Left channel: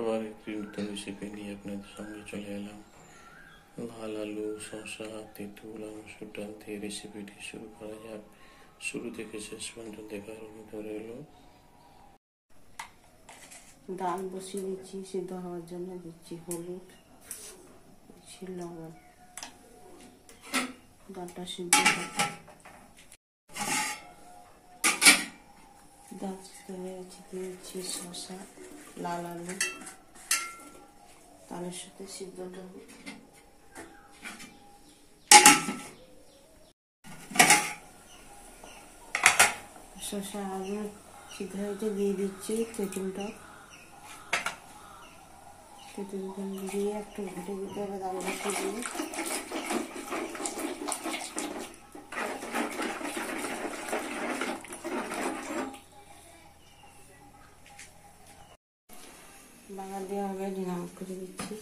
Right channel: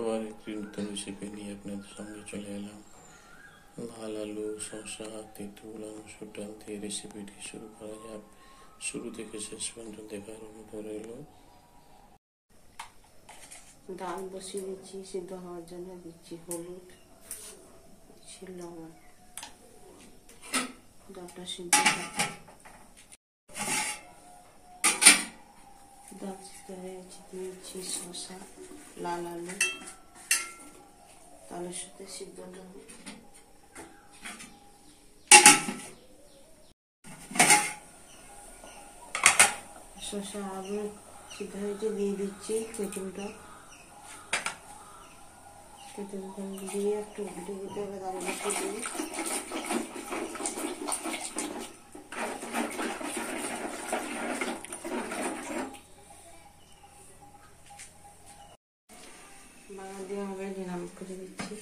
আবার একটি নতুন রেসিপি নিয়ে আপনাদের সঙ্গে চলে এলাম। লাল আলু, শসা, তেঁতুল, মসুর ডাল দিয়ে রেসিপিটি শুরু করা যাক। শুরু থেকে শেষ পর্যন্ত দেখার অনুরোধ রইল। ডাল বসিয়ে দিচ্ছি সিদ্ধ হওয়ার জন্য। দিচ্ছি হলুদ, দিচ্ছি লবণ, ডালটা সিদ্ধ ডাল সিদ্ধ হয়ে গেছে। দিয়েছি শসা, লাল আলু, তালের সাথে সিদ্ধ করবো। শসা আলু সিদ্ধ হয়েছে, দিয়ে দিচ্ছি তেঁতুলটা দিয়ে একটু ঘুটে ঘুটে ডাল বসিয়ে দিয়ে বাগার দেওয়া হবে। ঢাকা করে দিচ্ছি,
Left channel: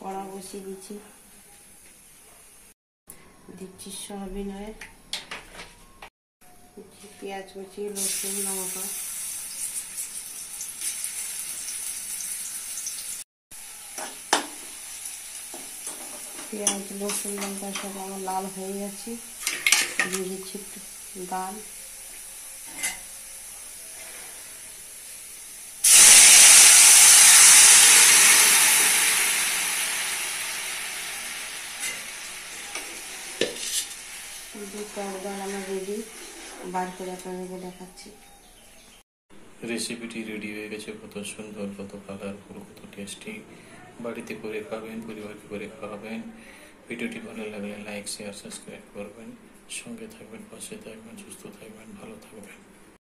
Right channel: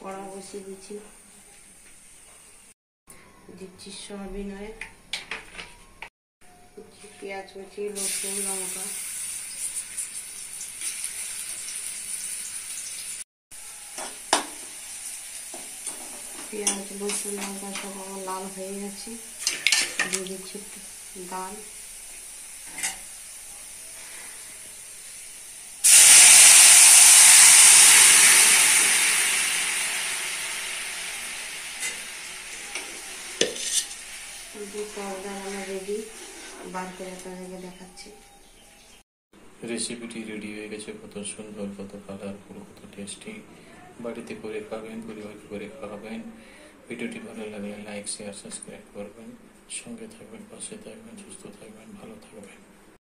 কড়া বসিয়ে দিচ্ছি। দিচ্ছি সয়াবিন অয়েল, দিচ্ছি পেঁয়াজ কুচি, রসুন, লঙ্কা, পেঁয়াজ রসুন লঙ্কা সব আমার লাল হয়ে গেছে। দিয়ে দিচ্ছি ডাল, ডাল আমার রেডি। বার করে আপনাদেরকে দেখাচ্ছি। রেসিপিটি রেডি হয়ে গেছে। কত সুন্দর, কত কালারফুল, কত টেস্টি। বাড়িতে করে খাবেন, পরিবারকে করে খাওয়াবেন। ভিডিওটি ভালো লাগলে লাইক, শেয়ার, সাবস্ক্রাইব করবেন। সঙ্গে থাকবেন, পাশে থাকবেন, সুস্থ থাকবেন, ভালো থাকবেন।